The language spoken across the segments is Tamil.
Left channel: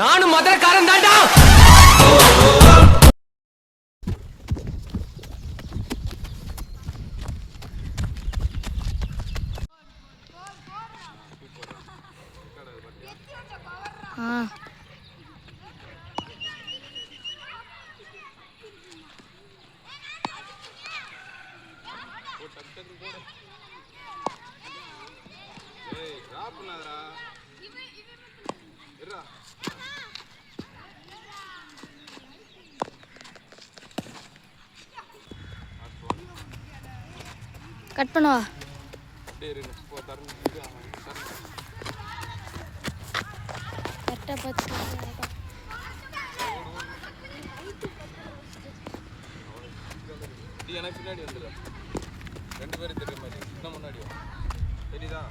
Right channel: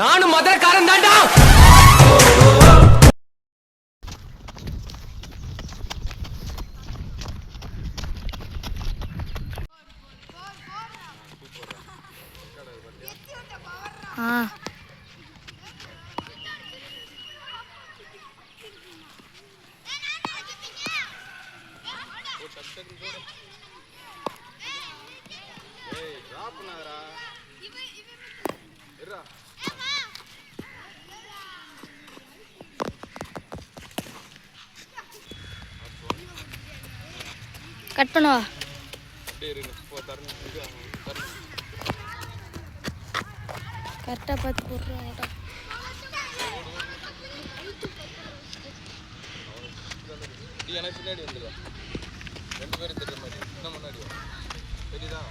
நானும் மதுரக்காரன் தாண்டா. கட் பண்ணவா? கரெக்டாக பார்த்து எனக்கு பின்னாடி வந்துடுறா. 2 பேரும் தெரியுற மாதிரி இன்னும் முன்னாடி தெரியுதா?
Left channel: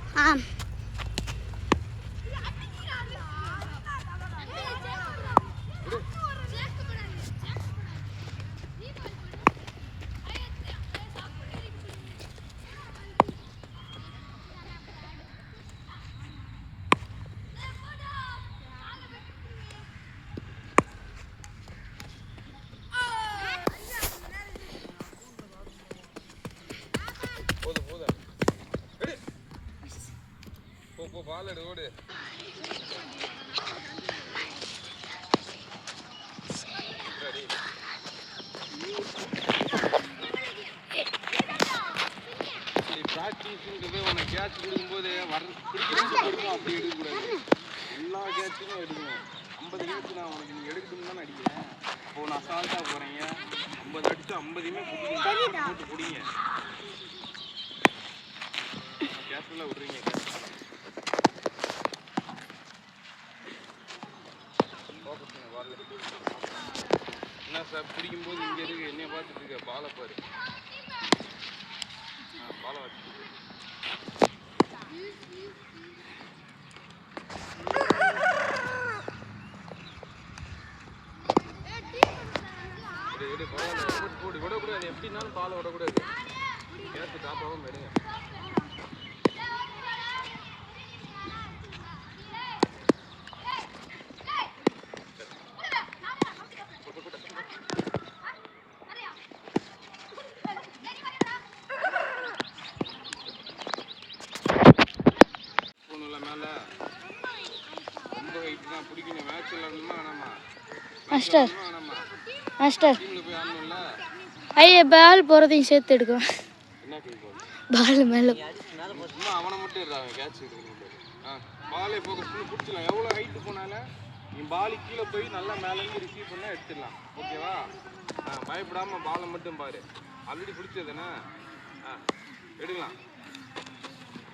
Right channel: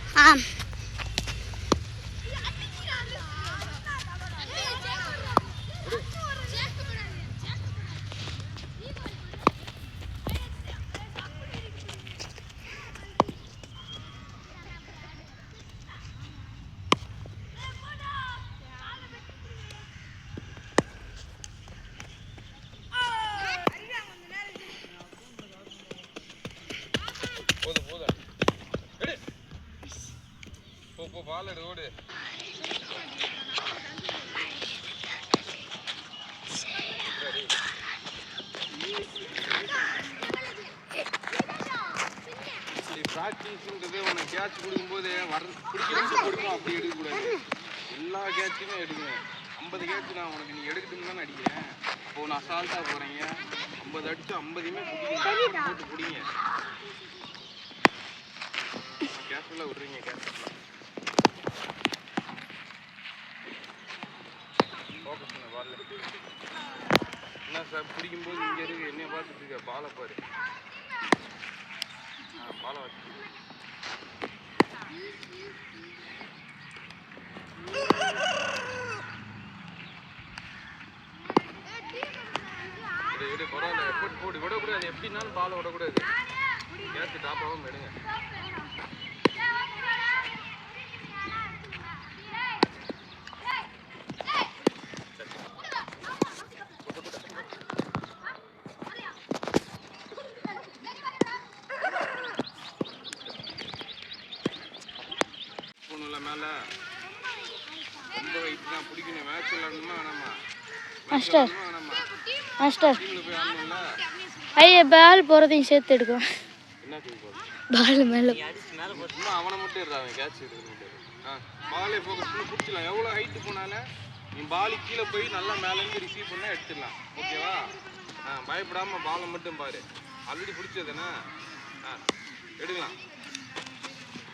பாலடு ஓடு. ப்ராக்டிஸ்ன்றது உன்னை கேட்ச் கொடுக்கும்போது பிடிக்கிறது கொடுக்கணும், அப்படி எடுக்கக்கூடாது. எல்லா கேட்சுமே எடுக்கணும். 50 கேட்ச் நான் உனக்கு நீ எடுக்கட்டும்னு தானே அடிக்கிறேன். அப்போ நான் அசால்ட்டாக போகிறீங்க. 50 அடிச்சு 50யுமே பிடிக்கணும், போட்டு பிடிங்க. கேர்ஃபுல்லாக விட்றீங்க. ஃபோக்கஸ் பண்ண பால் என்ன சார் பிடிக்கும்போது இங்கே இருக்கு. என்னைய பார்த்துட்டு இருக்க, பாலை பாரு. பாலை வச்சு எடு பரவாயில்ல. போட்டு விடக்கூடாது. எப்படின்னாலும் பாலை விடக்கூடாது. கேட்ச் டாப் ஆகாமல் எடுங்க. ரொம்ப வெயிட் தான் பிடிக்கணும். மேட்ச் விளையாடணுமா வேணாமா? மாஸ்டர் மாஸ்டர் போய் ஆடணும்ல. ஐயா பால் போகிறதையும் சேர்த்து எடுக்கும். என்ன கை போகுது? பால் மேலே சும்மா அவனை மட்டும் இருறாங்க. கேட்ச் எடுக்கணும். பாலே ஃபோக்கஸ் பண்ணி பிடிச்சிடலாம். எவ்வளோ ஹைட்டு போனாலும் நீ பாலு கீழே போய் நல்லா மேலேருந்து ரிசீவ் பண்ணால் எடுத்துடலாம். ஓகேவா? பயப்படாமல் பாலை மட்டும் பாரு. ஆல்ரெடி பிடிச்சதுண்ணே. எடுக்கலாம்.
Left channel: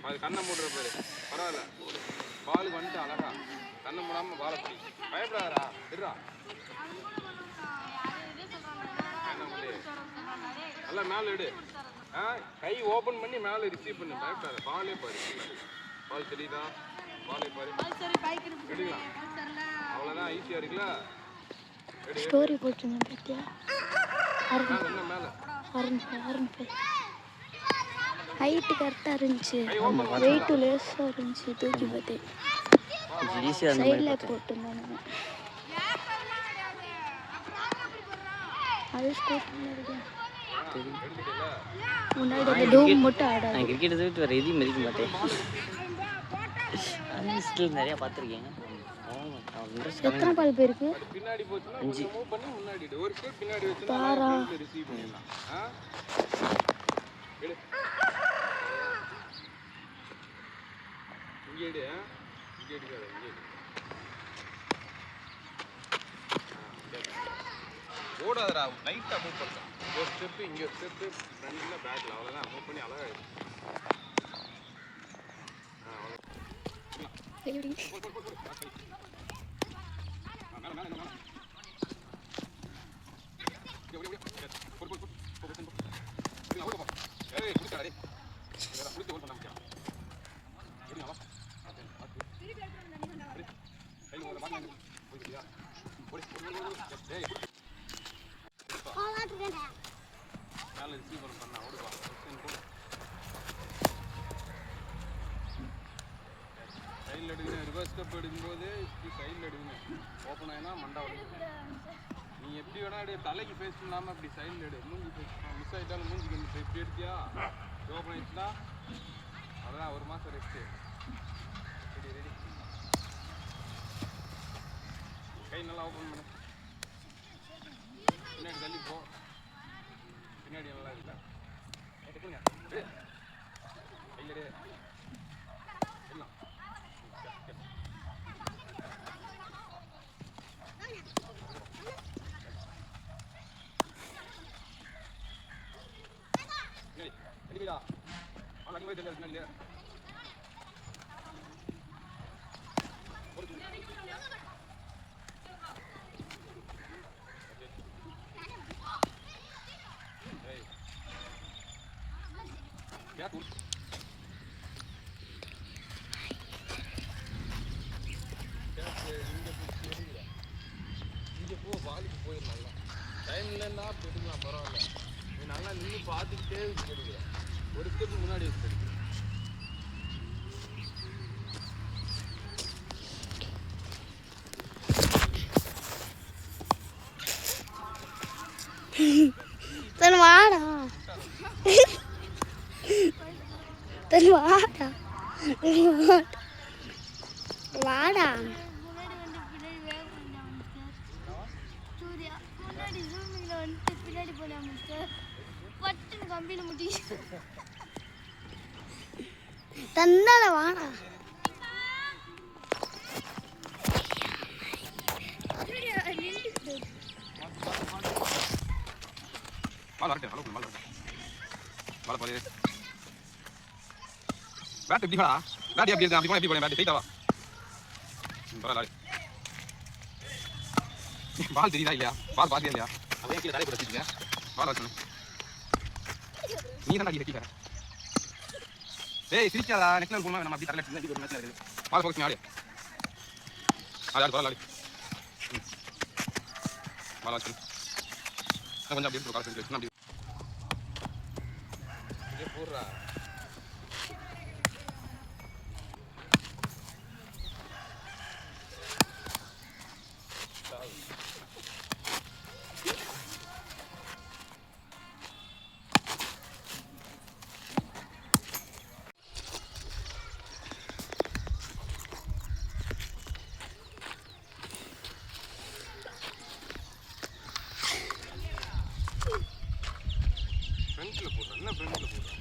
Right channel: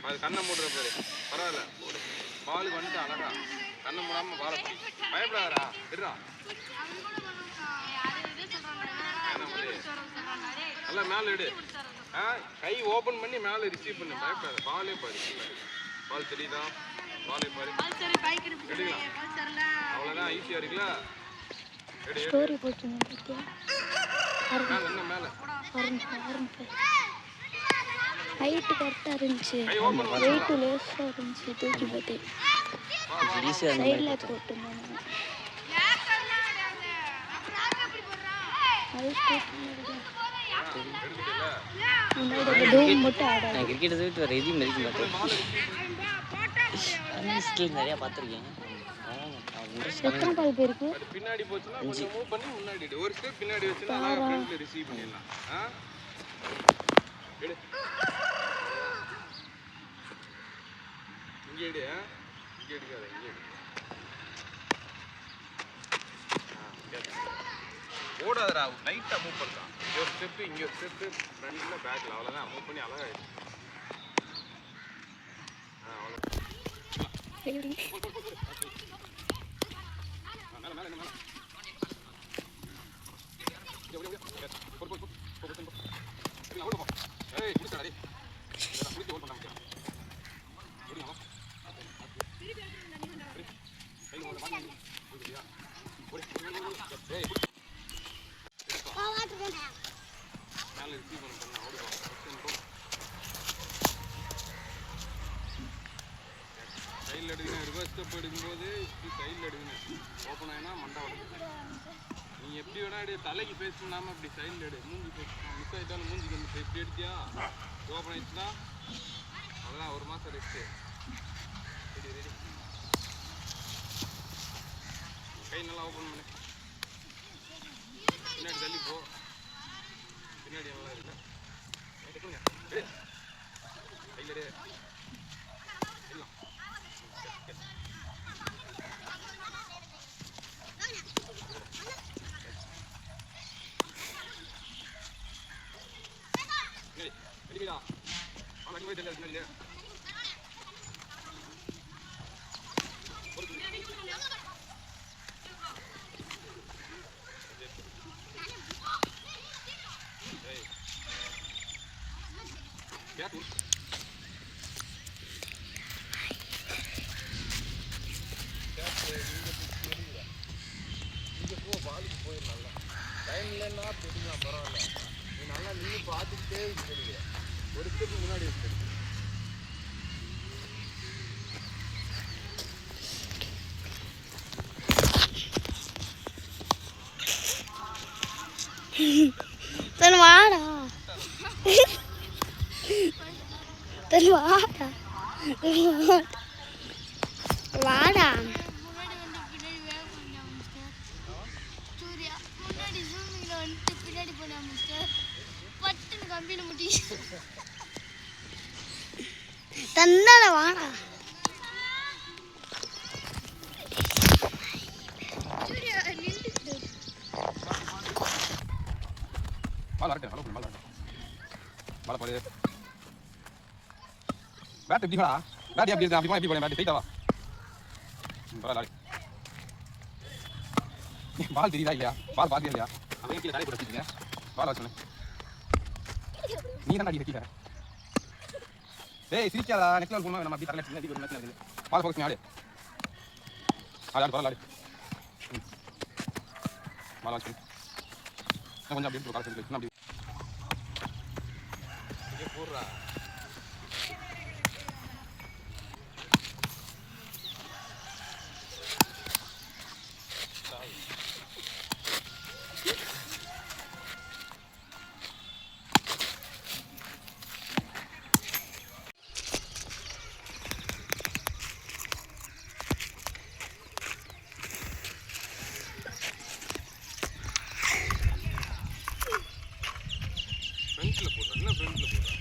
அது கண்ணை மூடுற பாரு. பரவாயில்ல, பாலுக்கு வந்துட்டு அழகா கண்ணை மூடாமல் பாலை பிடி. பயப்படாதா? விடுறா. நல்லா மேலே எடு. கை ஓப்பன் பண்ணி மேலே ரிசீவ் பண்ணு. பயப்படாத. பாலே பாரு. பால் தெரியுதா? பாலே பாரு. எடுக்கலாம். அவ்வளோதான். ஈஸியாக இருக்குல்ல? ஸ்டோரி போட்டுருந்தேன் பார்த்தியா? என்ன மேலே ஹைட்டு கரெக்டாக இருந்துச்சு. வெயிட்டு லேஸாக இருந்துச்சு. தூக்கி பார்த்தேன். சைடில் போட்டுருந்தேன். அது ஸ்கோப் பண்ணிருக்கேன். முன்னாடி அந்த டூம் மட்டும் ஆடாது. கிரிக்கெட் தவிர்த்து வேறு எதையும் மதிக்க மாட்டேன். ஸ்கீம் நிறையா பார்த்துருக்கேன். எத்தனை பால் போயிருக்கு? பின்னாடி போச்சுன்னா கொஞ்சம் மூவ் பண்ணி முன்னாடி ஒரு ஸ்டெப் பின்னாடி வச்சுனா ஃப்ரண்ட்ல ரிசீவ் பண்ணிடலாம். எடு. இங்க எடு. இங்க எடுக்காத. இங்க ஓடாதடா. லைட்டா மூவ் பண்ணா. ஒரு ஸ்டெப் இங்க ஒரு ஸ்டெப் ஃப்ரண்ட்ல பேக்ல அவ்வளவுதான். மூவ் பண்ணி அழகா எடு. அவ்வளவுதான். சரி. கையில் எடுங்க. ரிவர்ஸ் ஸ்டெப் எடுக்கும்போது சைடில் எடுங்க. போனேன்னா மண்டா நீ எப்படி வேணா எடு, தலைக்கு ஃபேஸ் பண்ணாமல் இப்படி சைடில் எடு, மூஞ்சி ஃபேஸ் மிஸ் ஆகிட்டாலும் மூஞ்சி வந்து இப்படி எடுத்தியா ஓப்பன் ஆயிடுச்சுன்னா அதெல்லாம் 1 மாதம் ரெஸ்ட்டு. ரெடி ரெடி, கை நல்லா ஓப்பன் பண்ணு, பின்னாடி தள்ளி போ, பின்னாடி நல்லா இருக்கு கையில் இங்கே போ, பாலுக்கு போயிடலாம். டைம் இல்லைன்னா போட்டுக்கலாம், பரவாயில்ல. நீ நல்லா நின்று பார்த்துக்கிட்டே எடுக்கிற, ஒரு ஸ்டெப் முன்னாடி எடுத்து. வாடா வாடா வாடா தந்தால வாடா பேட் எப்படி வாடா, பேட் எப்படி இருக்கு, அப்படி போனா எப்படி போறேன், பேட் டைட்டா வா, பரவாயில்ல. பால் தெரியுதா இல்லையா, பால் பாத்தியா இல்லையா, அப்படியே கீழே தலைக்கு வச்சிருக்கீங்க, பால் வச்சு நீ தான் அடி வைக்கிற. டேய் சிரிக்காதா, நெக்ஸ்ட் லைன் போனா நம்ம அப்படி தரல, சின்ன ஒரு மேட்ச் இருக்கு, பால் ஃபோக்கஸ் ஆடு ஆடு பால் ஆடு பால் வச்சு கொஞ்சம் அப்படியே கால் பண்ணி அப்படி போடுறா. ஃப்ரண்ட்ல போடுறேன், என்ன ஃப்ரண்ட்ல போடுறேன்.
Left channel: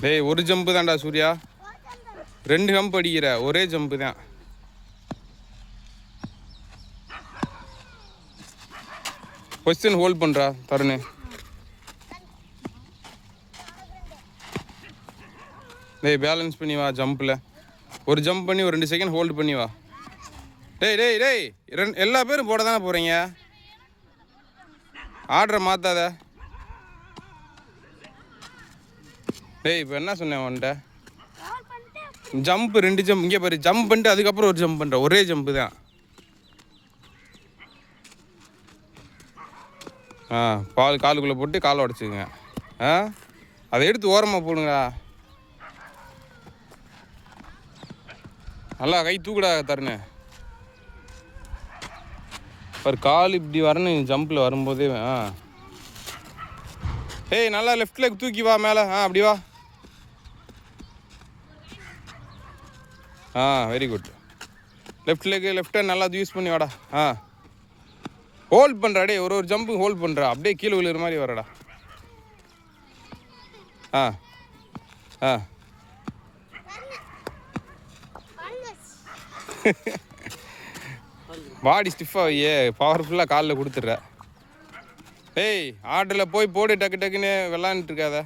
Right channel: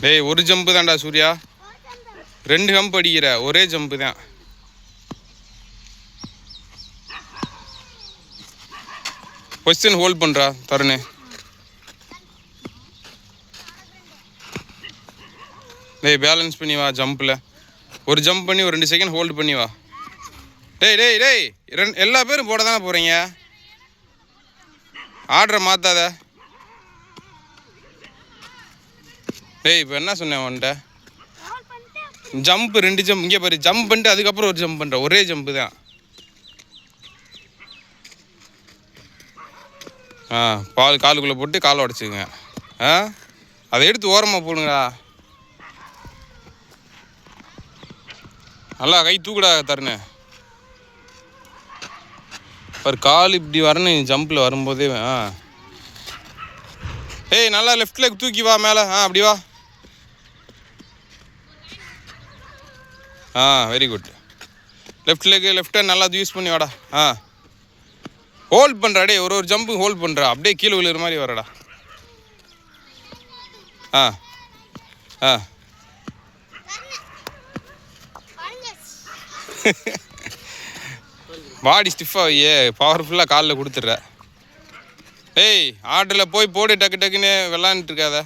டேய் ஒரு ஜம்பு தான்டா சூர்யா, 2 ஜம்ப் அடிக்கிற, ஒரே ஜம்பு தான். பொசிஷன் ஹோல்ட் பண்ணுறா தருணு. டேய் பேலன்ஸ் பண்ணி வா, ஜம்பில் ஒரு ஜம்ப் பண்ணி ஒரு 2 செகண்ட் ஹோல்டு பண்ணி வா. டேய் டேய் டேய் எல்லா பேரும் போட தானே போகிறீங்க, ஆர்டரை மாற்றாத. டேய் இப்போ என்ன சொன்னேன் உன்ட்ட, ஜம்ப் 2 ஜம்ப், இங்கே பாரு, ஜம்ப் பண்ணிட்டு அதுக்கப்புறம் ஒரு ஜம்ப் பண்ணுற, ஒரே ஜம்ப்பு தான். பால் காலுக்குள்ளே போட்டு காலை உடச்சிங்க. அதை எடுத்து ஓரமாக போடுங்கடா, நல்லா கை தூக்குடா தருணு. பாரு கால் இப்படி வரணும் ஜம்பில் வரும்போதே. ஏய் நல்லா லெஃப்ட் லெக் தூக்கி வா மேலே, அப்படி வா. Very good. Left leg left hand நல்லா யூஸ் பண்ணி வாடா. ஹோல்ட் பண்ணுறா, டே ஒரு ஜம்பு ஹோல்ட் பண்ணுறா, அப்படியே கீழே விழுகிற மாதிரி வரடா. பாடி ஸ்டிஃபாக பவர்ஃபுல்லாக காலில் கொடுத்துட்ற. டேய் ஆர்டரில் போய் போடு, டக்கு டக்குன்னு விளாண்டுட்டு இருக்காத.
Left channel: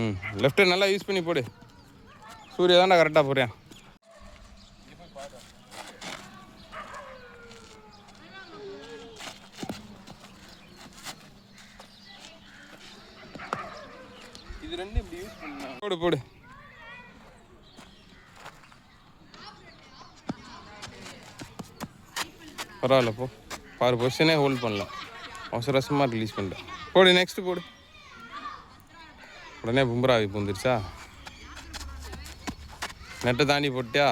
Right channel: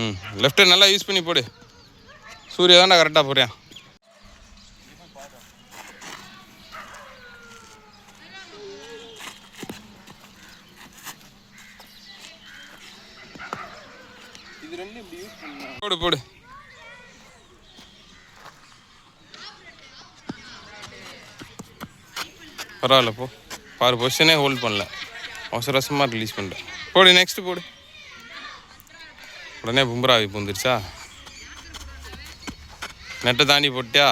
ம் லெஃப்ட்டை நல்லா யூஸ் பண்ணி போடு. சூர்யா தான்டா கரெக்டாக போடுறேன். இது ரெண்டு இப்படி யூஸ் பண்ணலாம். போடு போடு. பரவாயில்ல போ. பாரு பொசிஷனே ஹோல்ட் பண்ணல, அவசர அவசரமாக ரிலீஸ் பண்ணிட்டேன். போடு நெக்ஸ்ட்டு போடு. உடனே பும்ரா பூந்துருச்சா? நெட்டை தாண்டி போட்டியா?